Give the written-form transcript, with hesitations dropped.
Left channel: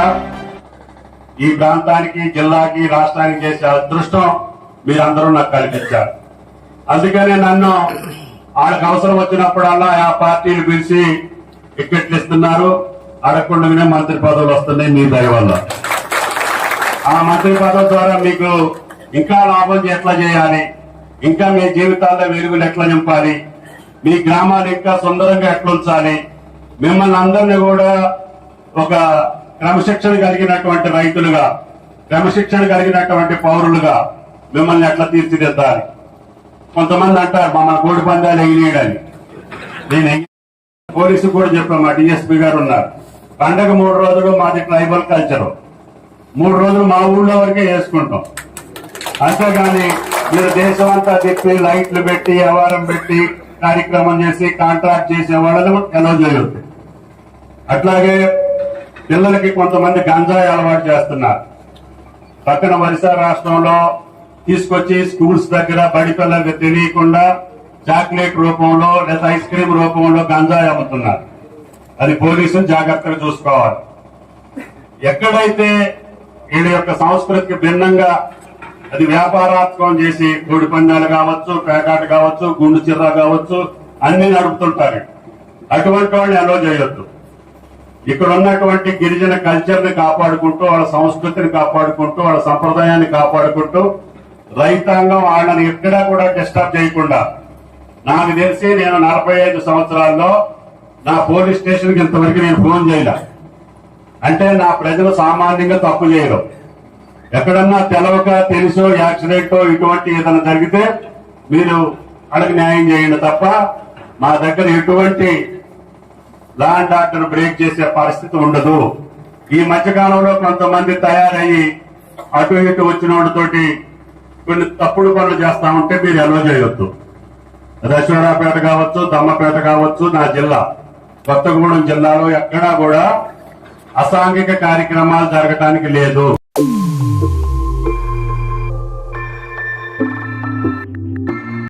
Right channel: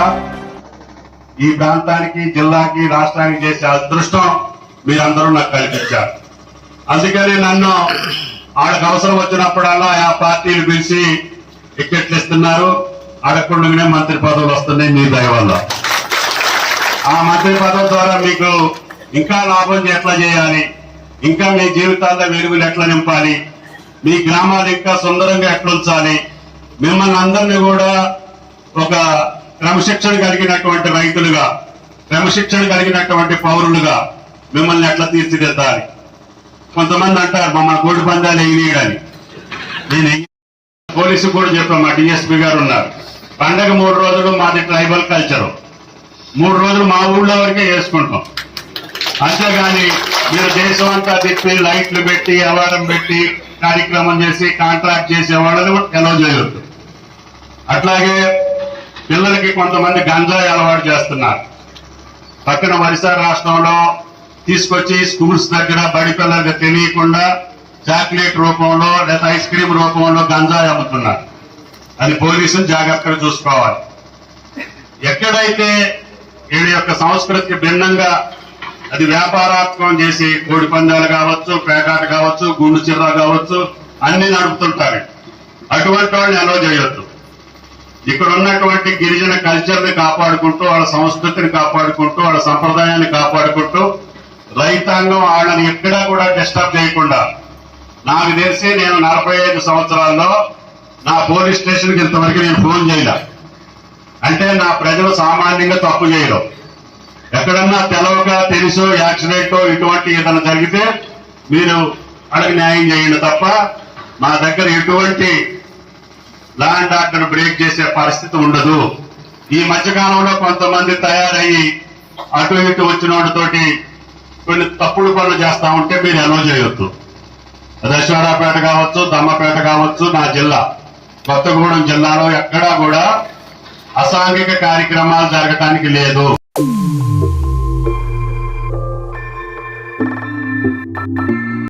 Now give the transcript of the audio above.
కూడా ఈ ప్రాంతానికి, జిల్లాకి, రాష్ట్రానికి చేసే అదృష్టం మీరందరూ నాకు కల్పించారు. అందుకనే నన్ను ఆడకు అవసరం వచ్చినప్పుడల్లా ఆ పార్టీలు పిలిచి టికెట్లు ఇస్తున్నారు. అడగకుండానే మంత్రి పదవులు వస్తున్నాయి మీ దయ వల్ల. ఆ మంత్రి పదవి ద్వారా మీకు ఇంకా లాభం ఎట్లా చేయాలి, ఇంకా మీ జీవితాల్లో వెలుగులు ఎట్లా నింపాలి, మీ గ్రామాలు ఇంకా సుందరంగా ఎట్లా ఉంచాలి, మిమ్మల్ని అందరినీ కూడా ఒక క్రమశిక్షణ కలిగినటువంటి రైతులుగా, క్రమశిక్షణ కలిగినటువంటి పౌరులుగా మిమ్మల్ని ఎట్లా తీర్చిదిద్దాలి. కొంతమంది అంటారు మమ్మల్ని కోడి పందాలు ఎగినేయడని. నేను పోలీసు కూడా చెప్పాను, మా డిఎస్పీ గారు ఉన్నారు. పండగ 3 రోజులు మాది ట్రైబల్ కల్చరు, 3 రోజులు మా ఊళ్ళో వరకే చేసుకుంటాం. అంతేగాని మీరు దేశం అంతా తిప్పి లైట్లు పెట్టి అవారం పెట్టి కార్యక్రమం చేసి కాంట్రాక్ట్ చేసే వాళ్ళని ఎలో చేయొద్దు. అట్లాగే పిల్లలకి కొంతమంది గంజాయి అలవాటు చేస్తున్నారు. పక్కన ఒరిస్సా రాష్ట్రంలో తీసుకొచ్చి స్కూల్స్ దగ్గర బడి పిల్లలకి తెలియకుండా చాక్లెట్ రూపంలో లేదా ఐస్ క్రీమ్ రూపంలో గంజాయి అమ్ముతున్నారు. అది పోలీసులు జాగ్రత్తగా చూసుకోవాలి. ఎక్కడైతే వీళ్ళ యొక్క సంస్కృతికి భిన్నంగా అది వ్యాపారాత్మకం చేసి కోడి పందాలు కావచ్చు, పేకాట కావచ్చు, గుండు చిర్ర కావచ్చు అన్ని నడుపుతుంటారు. అటువంటి వాళ్ళని అలో చేయొద్దు. ఇక్కడ ఉన్నటువంటి గిరిజన కల్చర్ ని కాపాడుకుంటూ, వాళ్ళ సంస్కృతిని కాపాడుకుంటూ, వాళ్ళ సంప్రదాయాన్ని కాపాడుకుంటూ రైతాంగం వాళ్ళని ఎక్కడా కూడా డిస్టర్బ్ చేయకుండా, నాకు తెలిసి నేను 45 సంవత్సరాల్లో నా పోలీస్ స్టేషన్ కి ఇంతవరకు నేను ఫోన్ చేయలే. అంటే నా ప్రజలు సామాన్యంగా తప్పు చేయరు. ఎక్కడన్నా తెలవక తెలుసో యాక్సిడెంట్ ఇటువంటి ఏదైనా జరిగితే మీరు అడిగి న్యాయం చేయండి తప్ప మా దగ్గర ఎటువంటి లా అండ్ ఆర్డర్ బ్రేక్ చేసే పరిస్థితి ఉండదు. ఈ మధ్యకాలంలో కొంతమంది తయారయ్యి అటు ఇటు వచ్చిన వాడితోటి కొన్ని తప్పుడు పనులు చేస్తా ఉంటే మీరు ఎలో చేయొద్దు. దశవరాపేట కావచ్చు, దమ్మపేట కావచ్చు, నా జిల్లా కొత్తగూడెం జిల్లాలో ఎక్కడా కూడా అసాంఘిక కార్యక్రమాలు జరగటానికి లేదు.